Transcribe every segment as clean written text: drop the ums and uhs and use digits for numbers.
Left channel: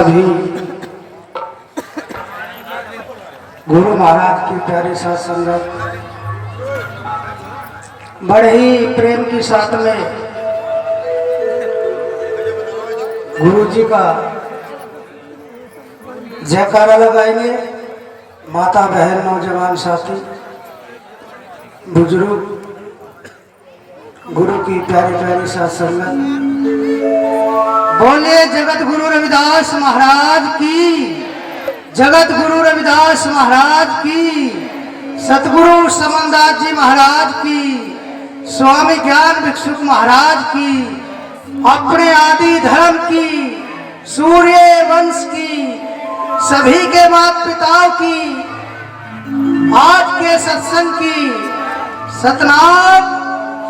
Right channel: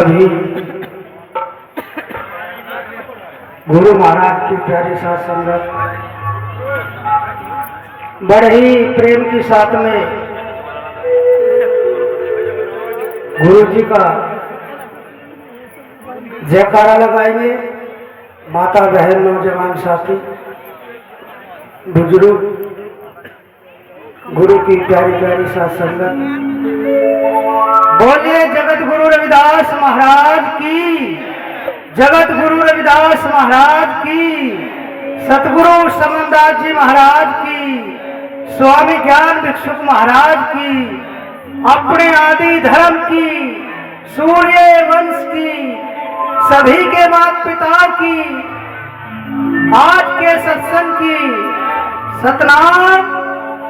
सभी गुरु महाराज की प्यारी साथ संगत बड़े ही प्रेम के साथ में गुरु जी का जयकारा लगाएंगे। माता बहन नौजवान साथी बुजुर्ग गुरु की प्यारी प्यारी साथ संगत बोलिए जगत गुरु रविदास महाराज की, जगत गुरु रविदास महाराज की, सतगुरु समनदास जी महाराज की, स्वामी ज्ञान भिक्षुक महाराज की, अपने आदि धर्म की, सूर्य वंश की, सभी के माता पिता की, आज के सत्संग की सतनाम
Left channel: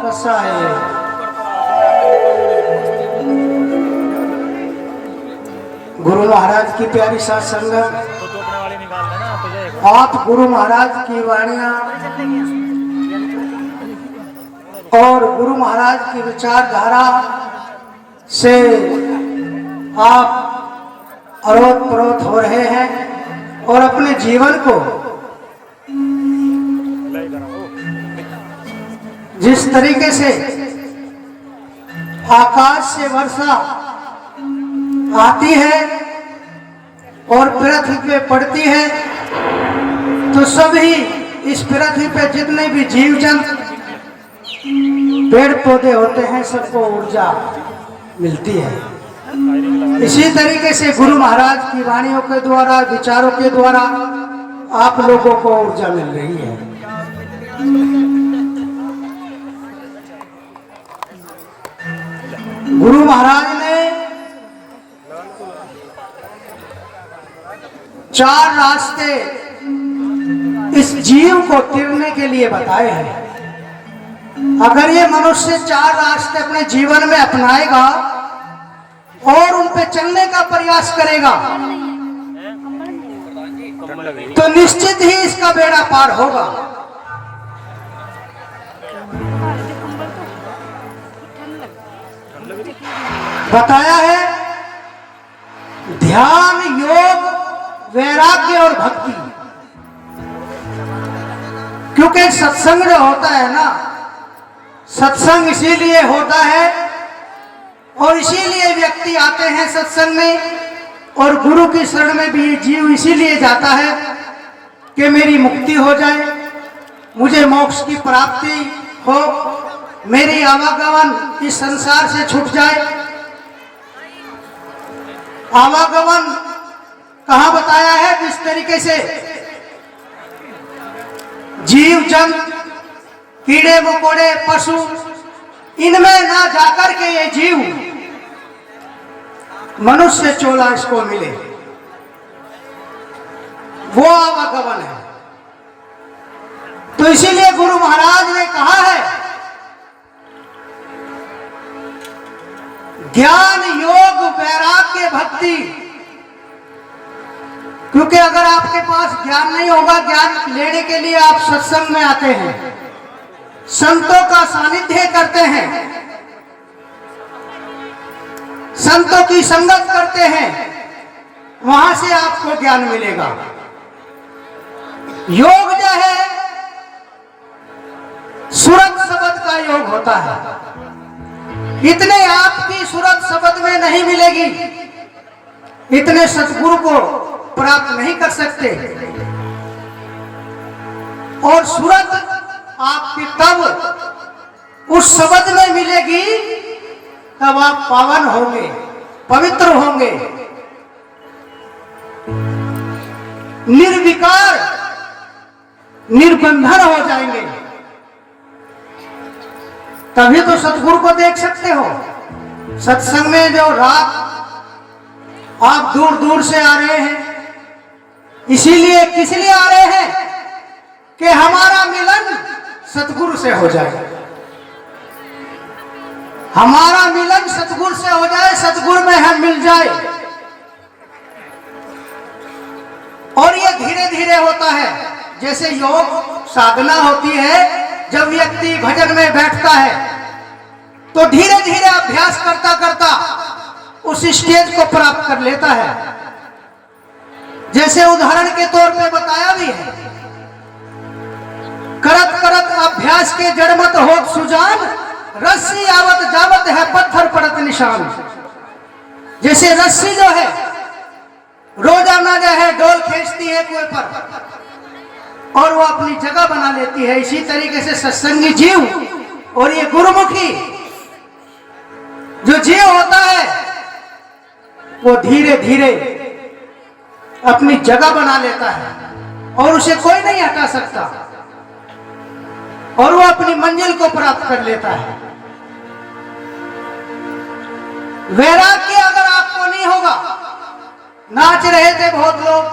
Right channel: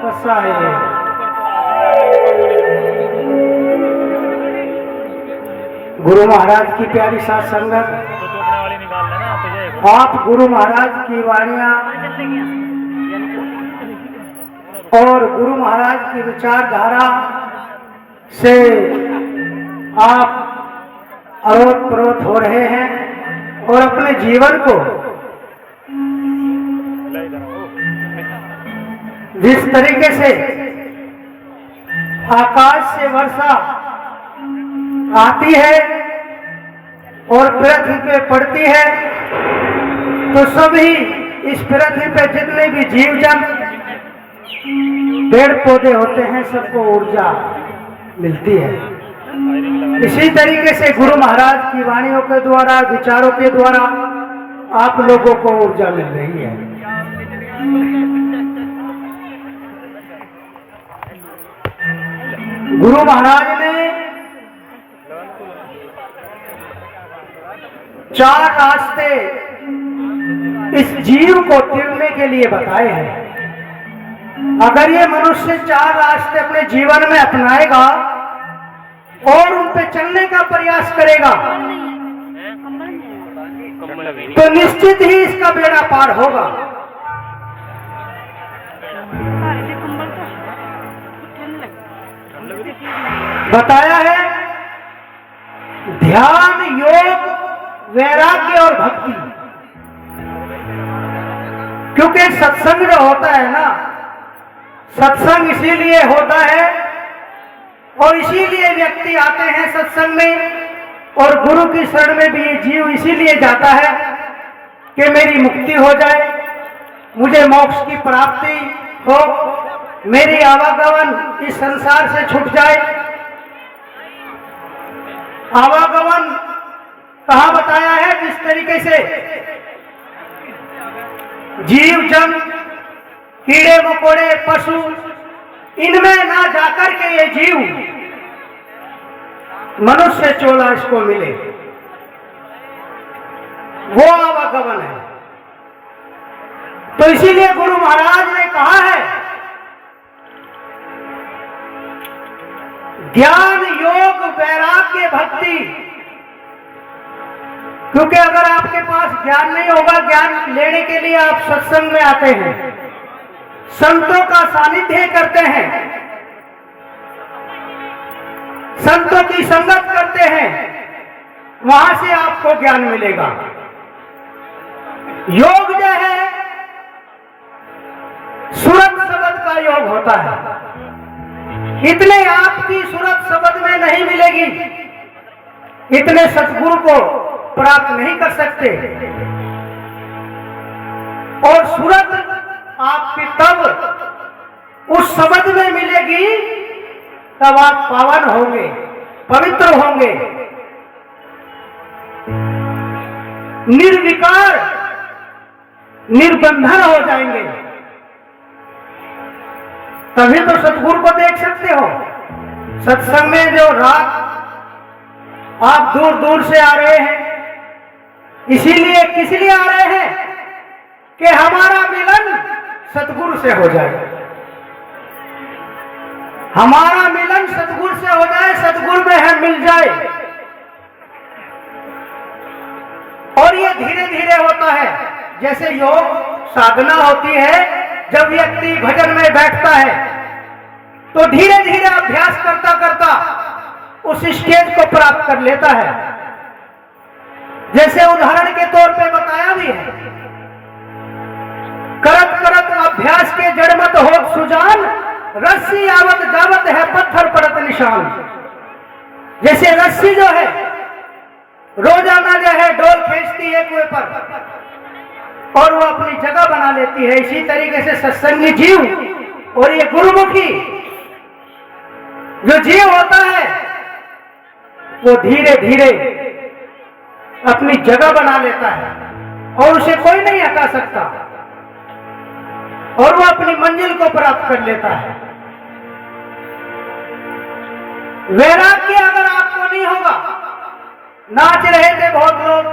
फसाए। गुरु महाराज की प्यारी साथ संगत, आप गुरु महाराज की वाणियां और गुरु महाराज की विचारधारा से आप अरोत परोत हो रहे हैं और अपने जीवन को जिस तरीके से आकाश से वर्षा आती है और पृथ्वी पे पड़ती है तो सभी इस पृथ्वी पे जितने भी जीव जंतु पेड़ पौधे होते हैं सबको ऊर्जा मिलती है। इसी तरीके से गुरु महाराज की वाणियों के द्वारा, विचारों के द्वारा आप लोगों को ऊर्जा मिल रही है। गुरु महाराज ने 4 रास्ते इस जीव को तिरने के लिए बताए हैं। अगर ये मनुष्य 4 रास्ते अपने जीवन में अपनाएगा और उन पे चलने का प्रयास करेगा तो निश्चित ही इसका बेड़ा पार होगा। बताया है ध्यान, योग, वैराग्य और भक्ति। क्योंकि सत्संग जो होता है ना, सत्संग इसीलिए होता है और इसीलिए व्यक्ति आते हैं सत्संग में और गुरु की शरण में भी जीव इसीलिए जाता है कि मेरी मुक्ति हो जाए, मुझे मोक्ष की प्राप्ति हो, मेरी आवागमन इस संसार से छूट जाए। आवागमन कहां बताया है? जिस तरीके से जीव जंतु, कीड़े मकोड़े, पशु, इनमें ना जाकर के ये जीव मनुष्य चोला इसको मिले, वो आवागमन है। तो इसीलिए गुरु महाराज ने कहा है ज्ञान, योग, वैराग्य, भक्ति। क्योंकि अगर आपके पास ज्ञान नहीं होगा, ज्ञान लेने के लिए आप सत्संग में आते हैं, संतों का सानिध्य करते हैं, संतों की संगत करते हैं, वहां से आपको ज्ञान मिलेगा। योग जो है सूरत शब्द का योग होता है। इतने आपकी सूरत शब्द में नहीं मिलेगी, इतने सतगुरु को प्राप्त नहीं कर सकते। और सूरत आपकी तब उस शब्द में मिलेगी तब आप पावन होंगे, पवित्र होंगे, निर्विकार, निर्बंधन हो जाएंगे। तभी तो सतगुरु को देख सकते हो। सत्संग में जो रात आप दूर दूर से आ रहे हैं, इसीलिए किस लिए आ रहे हैं कि हमारा मिलन सतगुरु से हो जाए, हमारा मिलन सतगुरु से हो जाए, सतगुरु में हम मिल जाए। और ये धीरे धीरे होता है। जैसे योग साधना होती है, जब व्यक्ति भजन में बैठता है तो धीरे धीरे अभ्यास करता करता उस स्टेज को प्राप्त कर लेता है। जैसे उदाहरण के तौर पे बताया भी है, करत करत अभ्यास के जड़ मत होत सुजान, रस्सी आवत जावत है पत्थर पड़त निशान। जैसे रस्सी जो है रोजाना जो है डोल खींचती है कुएं पर और वो अपनी जगह बना लेती है, इसी तरीके से सत्संगी जीव और ये गुरुमुखी जो जीव होता है वो धीरे धीरे अपनी जगह बना लेता है और उसे कोई नहीं हटा सकता और वो अपनी मंजिल को प्राप्त कर लेता है। वैराग्य अगर आपको नहीं होगा, नाच रहे थे बहुत लोग,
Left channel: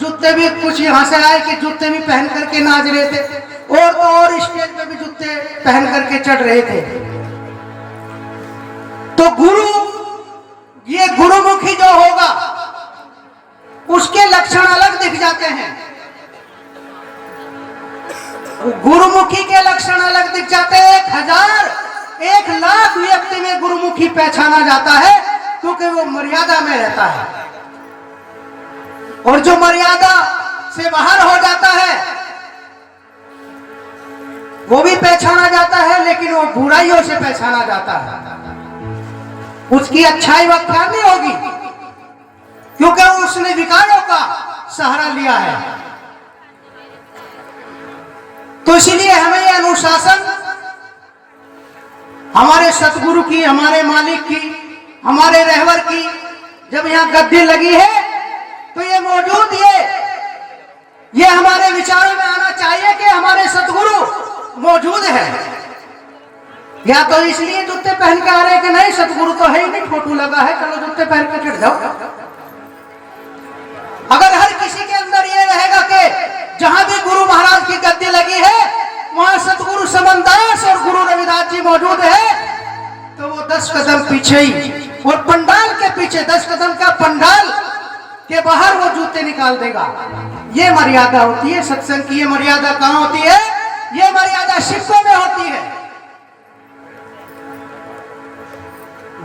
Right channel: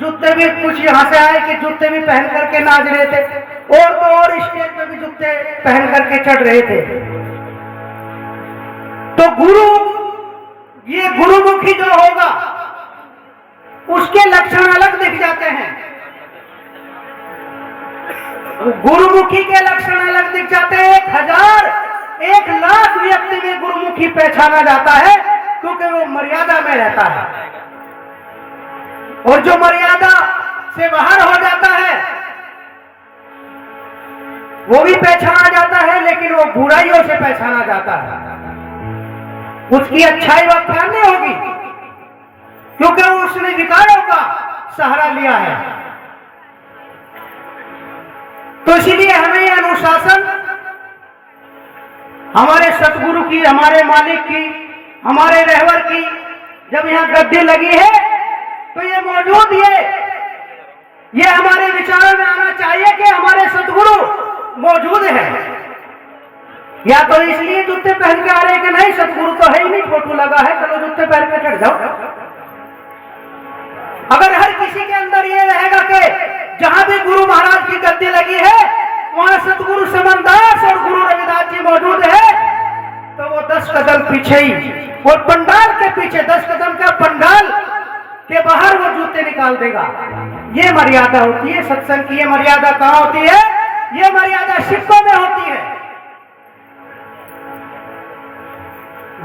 जूते भी कुछ यहां से आए कि जूते भी पहन करके नाच रहे थे और तो और स्टेज पे भी जूते पहन करके चढ़ रहे थे। तो गुरु, ये गुरुमुखी जो होगा उसके लक्षण अलग दिख जाते हैं, गुरुमुखी के लक्षण अलग दिख जाते हैं। 1000 1,00,000 व्यक्ति में गुरुमुखी पहचाना जाता है क्योंकि वो मर्यादा में रहता है, और जो मर्यादा से बाहर हो जाता है वो भी पहचाना जाता है, लेकिन वो बुराइयों से पहचाना जाता है, उसकी अच्छाई व्याख्यान नहीं होगी क्योंकि उसने विकारों का सहारा लिया है। तो इसलिए हमें यह अनुशासन हमारे सतगुरु की, हमारे मालिक की, हमारे रहबर की जब यहाँ गद्दी लगी है तो ये मौजूद ये हमारे विचारों में आना चाहिए कि हमारे सतगुरु मौजूद है। या तो इसलिए जूते पहन के आ रहे कि नहीं सतगुरु तो है ही नहीं, फोटो लगा है, चलो जूते पहन के चढ़ जाओ। अगर हर किसी के अंदर ये रहेगा कि जहां भी गुरु महाराज की गद्दी लगी है वहां सतगुरु समनदास और गुरु रविदास जी मौजूद है, तो वो 10 कदम पीछे ही, और पंडाल के पीछे 10 कदम का पंडाल के बाहर वो जूते निकाल देगा। ये मर्यादा होती है सत्संग की। ये मर्यादा कहां होती है? ये मर्यादा सिक्कों में होती है।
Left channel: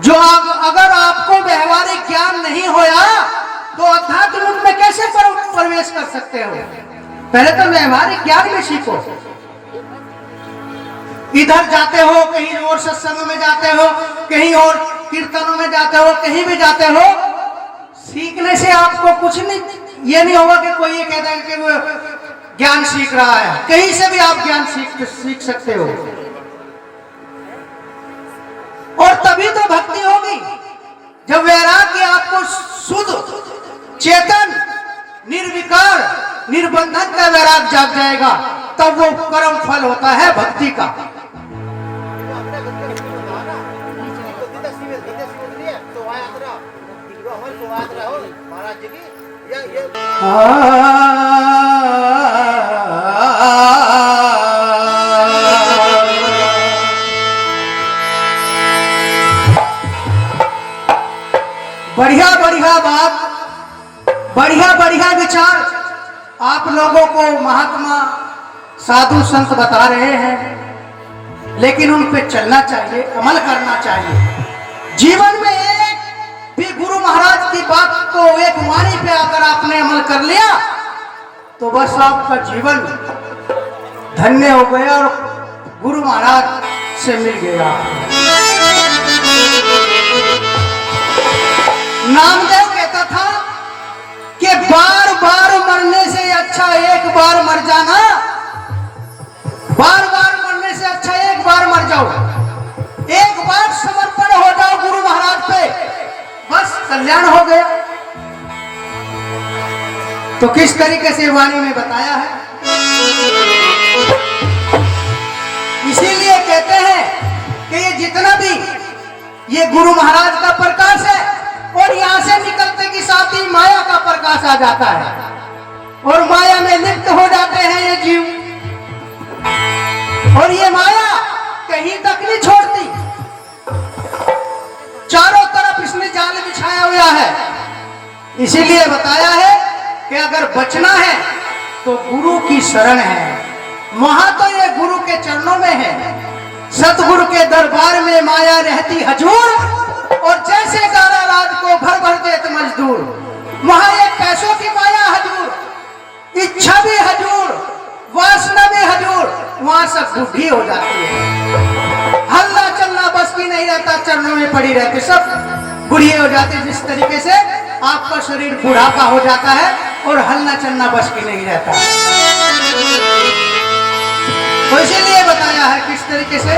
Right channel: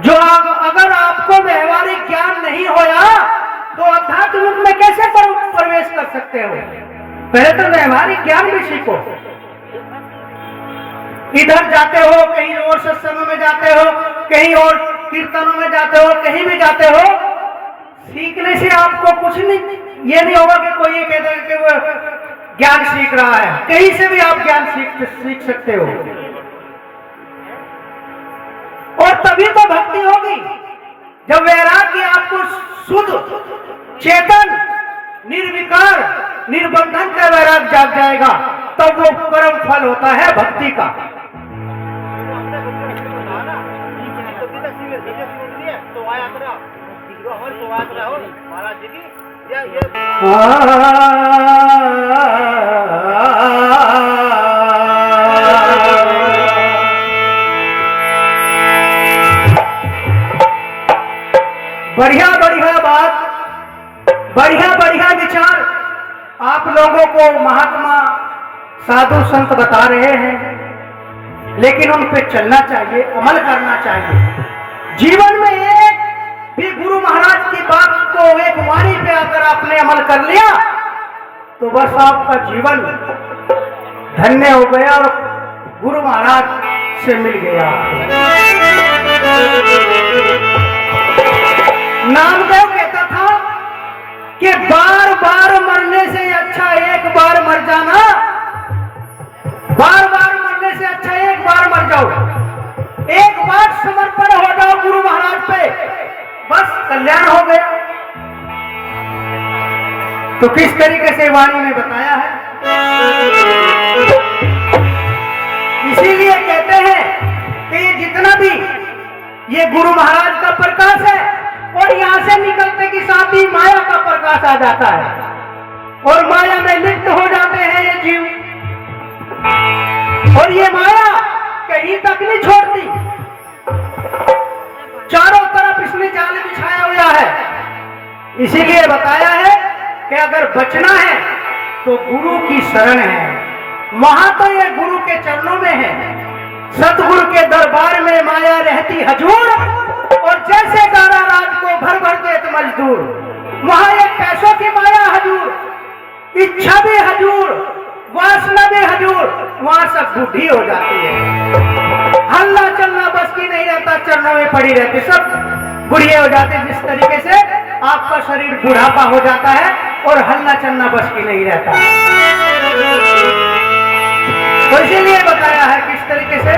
जो अगर आपको व्यवहारिक ज्ञान नहीं होया तो अध्यात्म में कैसे प्रवेश कर सकते हो? पहले तो व्यवहारिक ज्ञान भी सीखो। इधर जाते हो, कहीं और सत्संग में जाते हो, कहीं और कीर्तनों में जाते हो, कहीं भी जाते हो, सीखने से आपको कुछ नहीं, ये नहीं होगा कि कोई ये कहता है कि वो ज्ञान सीख रहा है। कहीं से भी आप ज्ञान सीख सकते हो, और तभी तो भक्ति होगी जब वैराग्य आपको शुद्ध चेतन निर्विकार निर्बंधन का वैराग जाग जाएगा, तब वो परम फल होता है भक्ति का। बढ़िया बढ़िया बात, बढ़िया बढ़िया विचार आप लोगों को महात्मा साधु संत बता रहे हैं, लेकिन उन पे चलना चाहिए, अमल करना चाहिए। जीवन में एक भी गुरु महाराज की बात को, एक वाणी पे अगर आपने अमल कर लिया तो बस आपका जीवन धन्य हो गया और गुरु महाराज से मिल गया। नामदेव कहता था कि बार बार मरने से अच्छा एक बार मर जाना, बार बार मरने से अच्छा एक बार मर जाओ, एक बार समर्पण हो जाओ गुरु महाराज पे, बस कल्याण हो गया। तो किस तरीके से वाणी में बताया है, इसीलिए कहते हैं कि ये जितना भी ये गुरु महाराज का प्रकाश है, और यहां से निकलते की साथ ही माया का प्रकाश आ जाता है और माया में लिप्त हो जाते हैं ये जीव, और ये माया कहीं तक नहीं छोड़ती, चारों तरफ इसने जाल बिछाया हुआ है। इसीलिए बताया है कि अगर बचना है तो गुरु की शरण है, वहां तो ये गुरु के चरणों में है। सतगुरु के दरबार में माया रहती हजूर, और जैसे गारा राज को भर भर देत मजदूर, वहां एक पैसों की माया हजूर, इच्छा भी हजूर, वासना भी हजूर, वहां सब बूढ़ी हो जाती है। हल्ला चलना बस की नहीं रहता, चरणों में पड़ी रहती, सब बुढ़िया हो जाती। जिस तरीके से आपका शरीर बुढ़ापा हो जाता है और हल्ला चलना बस की नहीं रहता, तो इसीलिए बताया है किस तरीके से।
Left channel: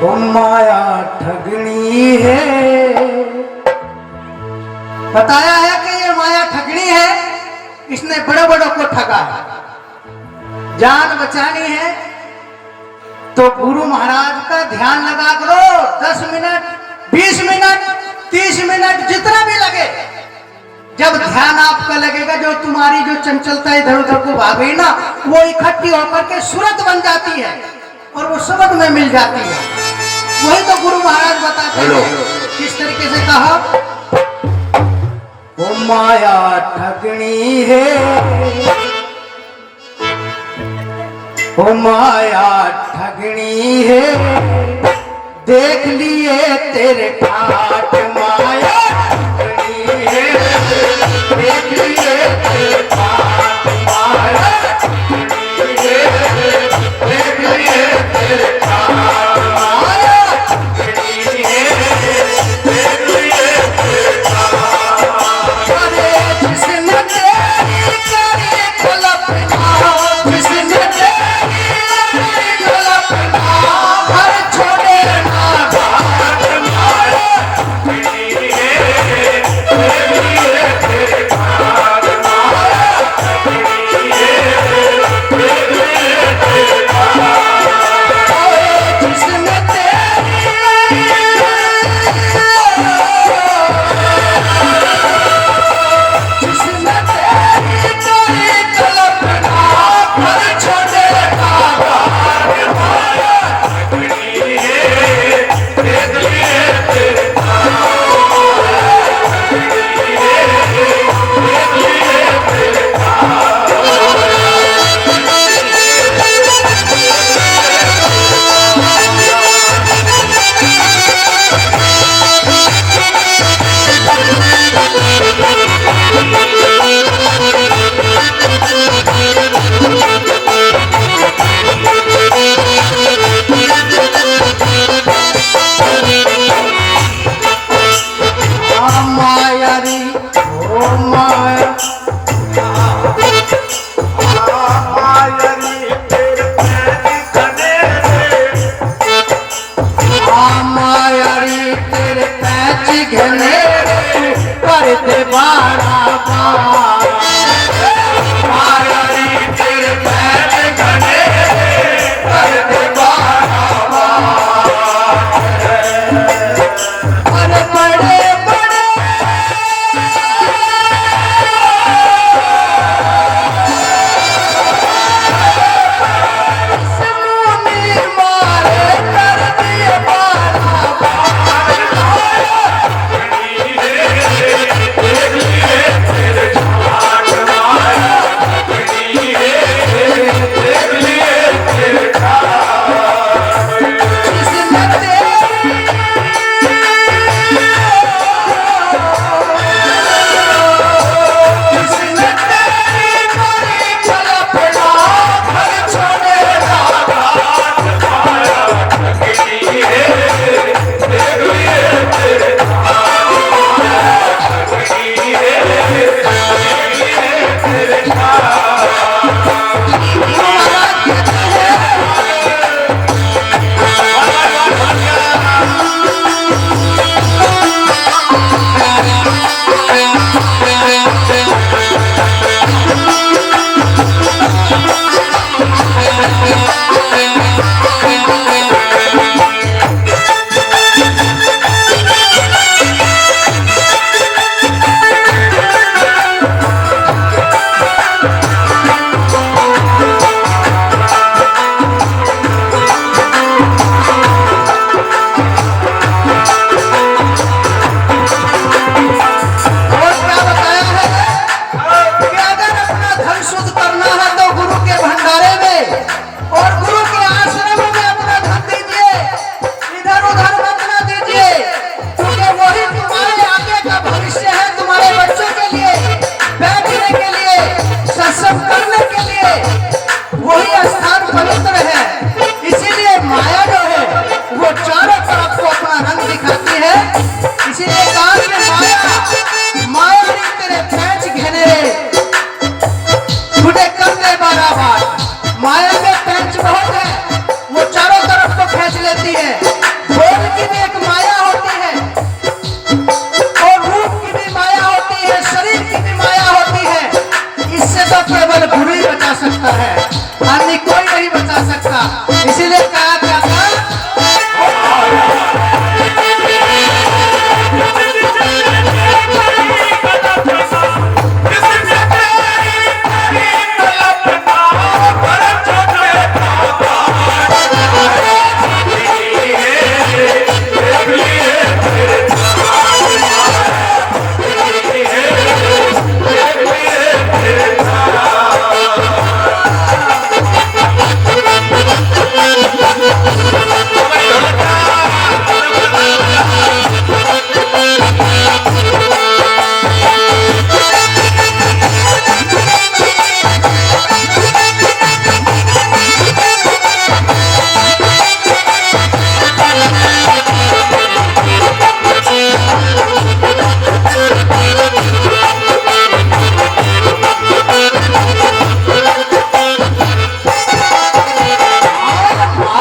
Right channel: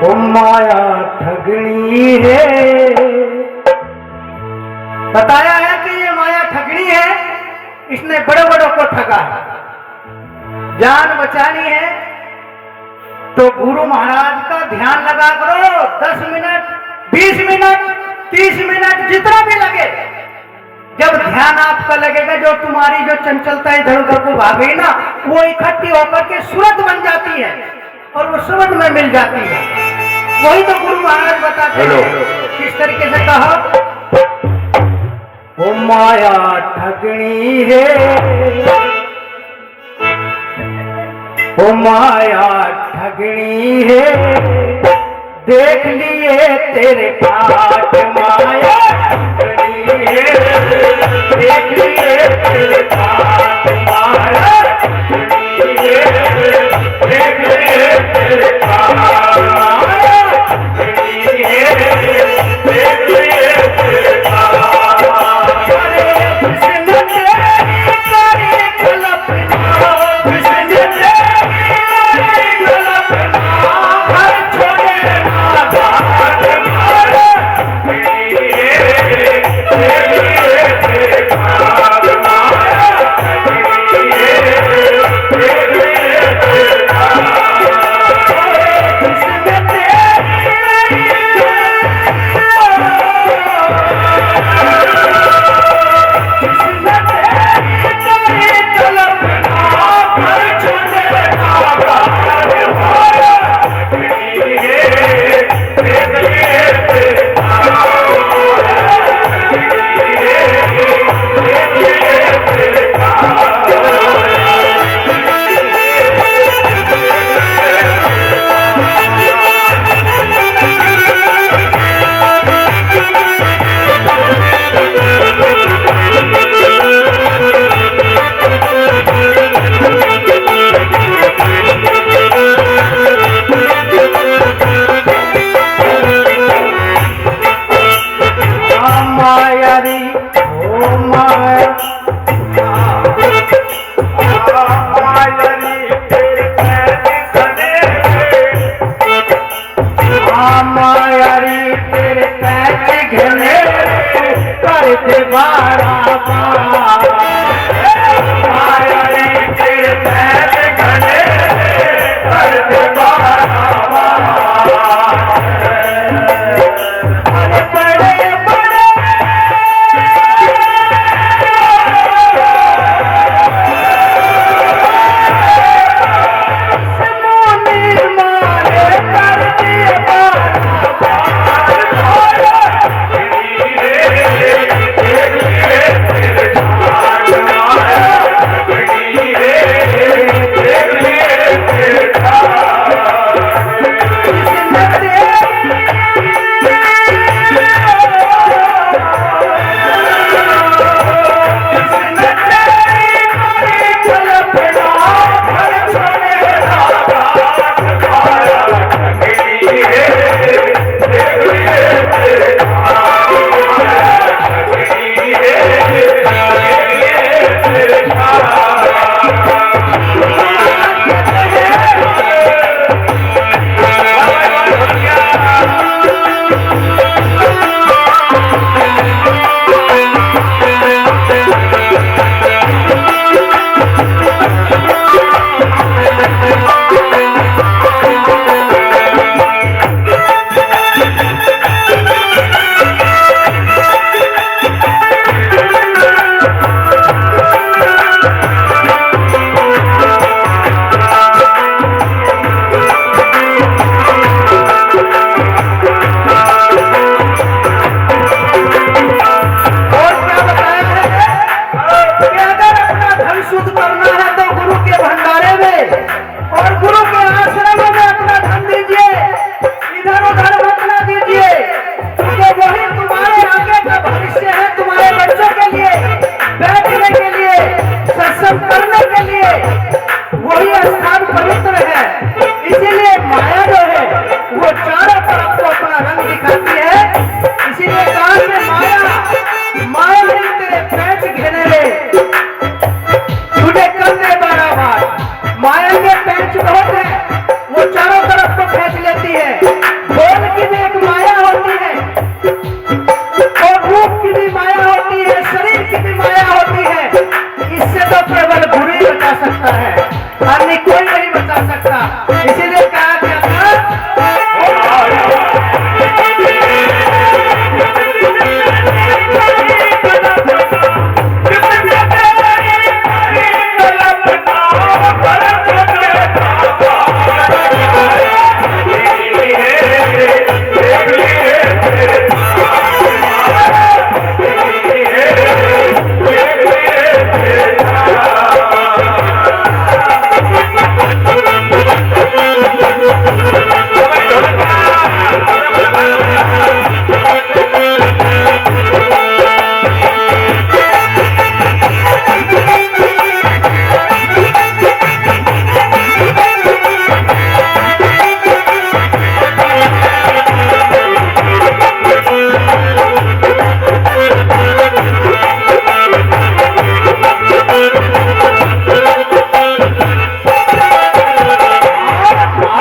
ओ माया ठगनी है, बताया है कि ये माया ठगनी है, इसने बड़े बड़ों को ठगा है। जान बचानी है तो गुरु महाराज का ध्यान लगा करो, 10 मिनट 20 मिनट 30 मिनट जितना भी लगे। जब ध्यान आपका लगेगा, जो तुम्हारी जो चंचलता इधर उधर को भाग गई ना, वो इकट्ठी होकर के सूरत बन जाती है और वो सूरत में मिल जाती है। वही तो गुरु महाराज बताते हैं किस तरीके से कहा, वो माया ठगनी है, वो माया ठगनी है, देख लिए तेरे ठाट माया ठगनी है, देख लिए तेरे ठाट माया ठगनी है, देख लिए तेरे ठाट माया ठगनी है, देख लिए तेरे ठाट। अरे जिसने तेरी करी कल्पना, जिसने तेरी कल्पना, घर छोड़े ना घाट माया ठगनी है, देख लिए तेरे ठाट माया ठगनी है, देख लिए तेरे ठाट। जिसने तेरी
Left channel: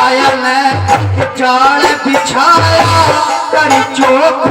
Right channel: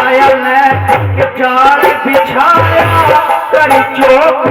माया ने जाल बिछाया करी चौक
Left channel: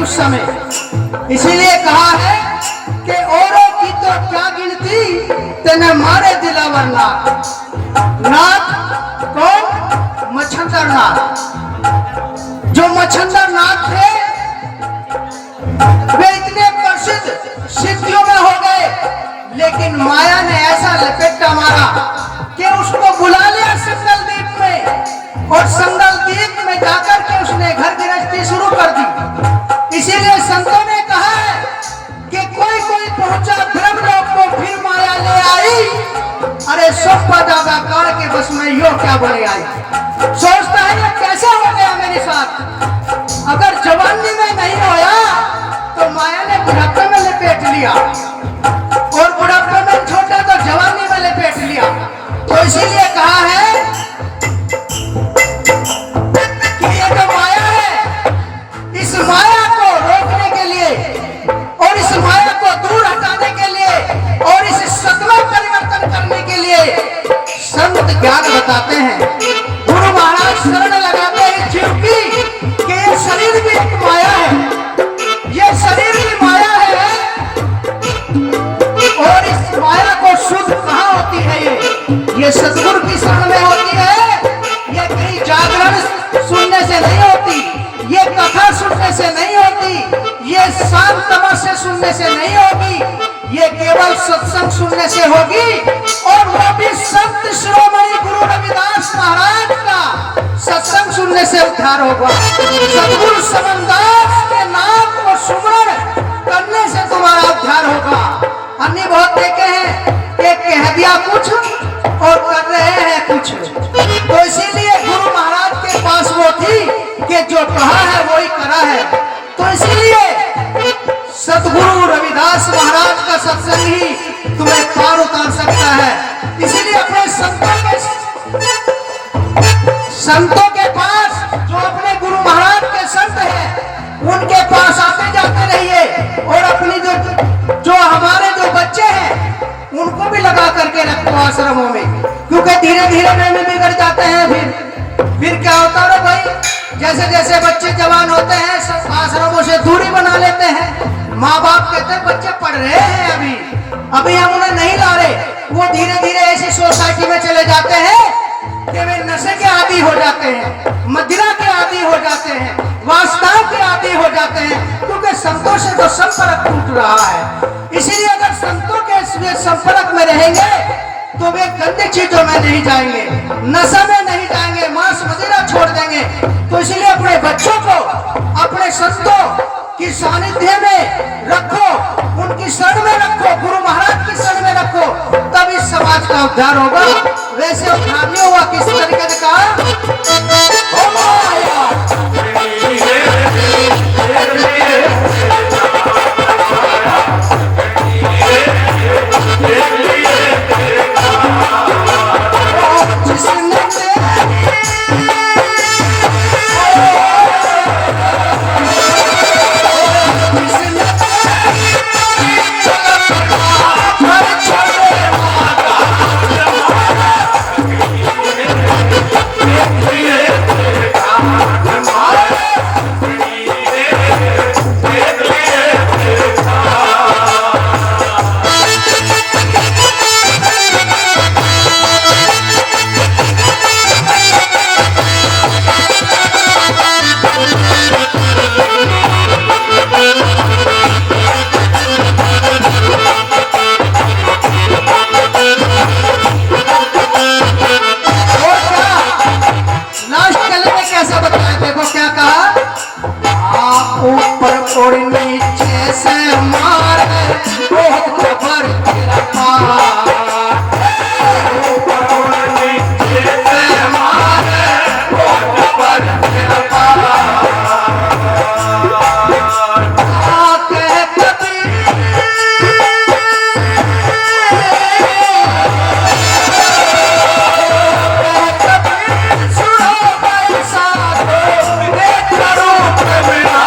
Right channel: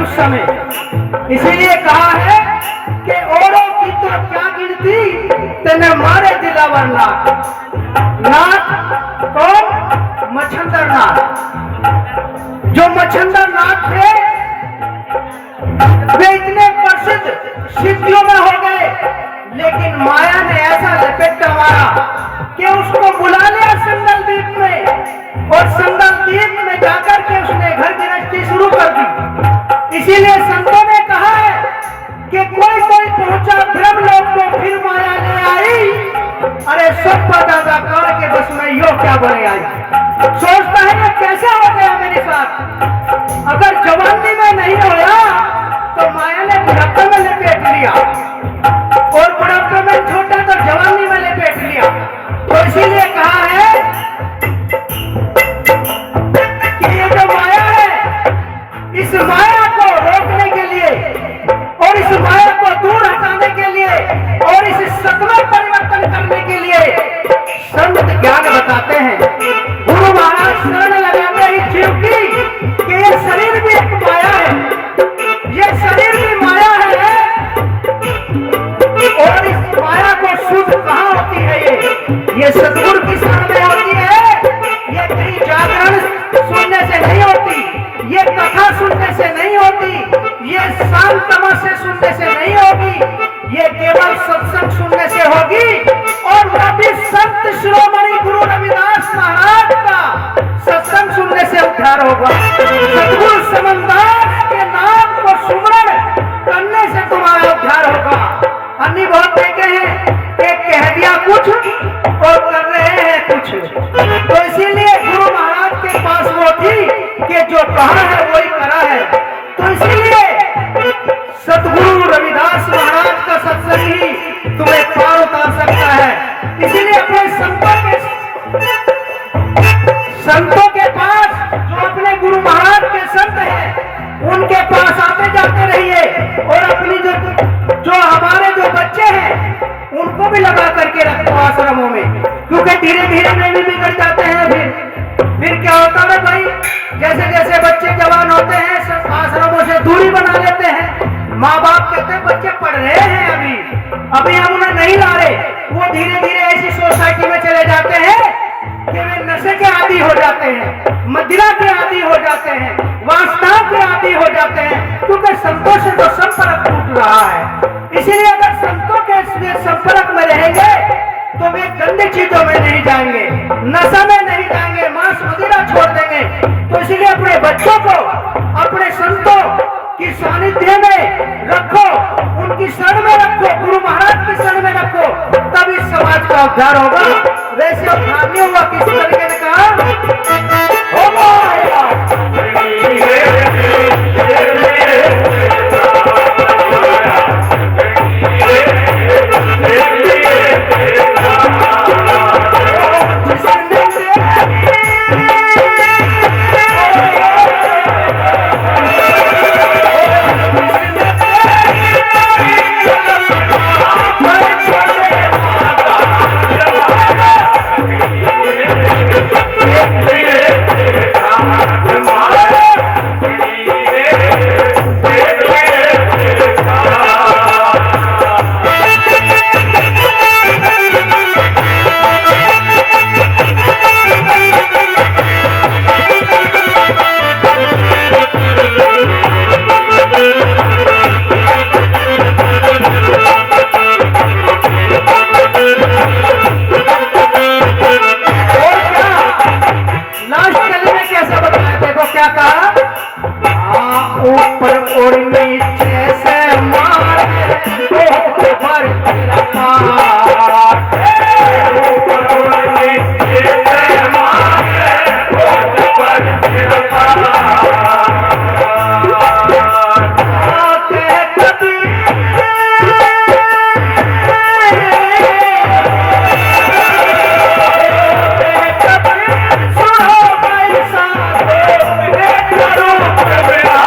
उस समय। इसीलिए कहा है कि औरों की तो क्या गिनती तेने मारे दिलावर नाथ। नाथ कौन? मच्छंदर नाथ। जो मच्छंदर नाथ थे वे इतने प्रसिद्ध सिद्धियों में हो गए, लेकिन माया ने ऐसा लपेटा मारा कि उसको बुला लिया संगल द्वीप में, और संगल द्वीप में जाकर के उसने घर गृहस्थी शुरू कर दी। इसीलिए संतों ने कहा है कि कोई कोई पहुंचा ब्रह्मलोक को फिर माया ले आई, अरे सब ज्यादा काल के बस में यो क्या बोले आई। सोचता है ये कैसे हो गया मेरे साथ। अगर जवानी में नहीं होया तो माया ने बुढ़ापे में लपेट लिया, और बुढ़ापे में छोटा तो जवानी में लपेट लिया। तो इसीलिए कहा है कि ये जो माया है, इस माया को रोकने के लिए और इस माया को दूर हटाने के लिए और इस सत में परिवर्तन करने के लिए संत ज्ञान बताते हैं। गुरु महाराज शरण लगाते ही जीव की कि ये शरीर भी एक माया है, ये शरीर भी माया है, ये सतगुरु की शरण में होती है। ये कहीं जागरण सुनने से नहीं होती, ये कथा सुनने से नहीं होती, ये शांत तमाशे सुनने से नहीं होगी, ये केवल सत्संग सुनने से होगी। और वह भी संत शिरोमणि गुरु रविदास महाराज का सत्संग सुनने से उद्धार होगा। सतगुरु समनदास के नाम को सुमरण करने से तुम्हारा उद्धार होगा। अन्य बहुत देखे हैं कि कह दिया कुछ और कर रहे हैं कुछ। तो इसीलिए गुरु महाराज के पास वो थी कि जो कहा है वही करा है। तो इसीलिए सतगुरु रविदास महाराज का सत्संग ही तुम्हें पार उतार सकता है। इसीलिए अपने संतों के पास, जो अपने गुरु महाराज के संत हैं, उनके पास आते जाते रहिए। और अपनी जो हमारे जो बच्चे हैं उनको भी लगा करके रखो आश्रमों में, क्योंकि धीरे धीरे वे भी बिगड़ जाते हैं। फिर क्या होता है भाई, जैसे जैसे बच्चे जवान होते हैं आश्रमों से दूरी बना लेते हैं। माँ बाप कहते हैं बच्चे पढ़ रहे हैं, अभी हम उन्हें नहीं ला रहे। वो धीरे धीरे ऐसी सोसाइटी में चले जाते हैं कि वे नशे के आदी हो जाते हैं, मदिरा के आदी हो जाते हैं, वासना के आदी हो जाते हैं, क्योंकि संतों से तो संपर्क टूट रहा है। इसीलिए अगर संतों के संपर्क में रहेंगे तो वे गंदी चीजों में नहीं जाएंगे, नशा में नहीं जाएंगे, मांस मदिरा छोड़ देंगे। तो इसीलिए अपने बच्चों को अपने संतों की सानिध्य में रखो, उनकी शरण में रखो, गुरु महाराज की शरण में रखो, तब इस समाज का उद्धार होगा। वैसे उद्धार नहीं हुआ, किस तरीके ने कहा और नीचे से मारे बहुत भर तेरा पार, और नीचे से मारे बहुत भर तेरा पार। आके कबीर सुनो भाई साधो, एक रूप मेरा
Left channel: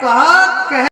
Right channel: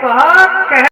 कहा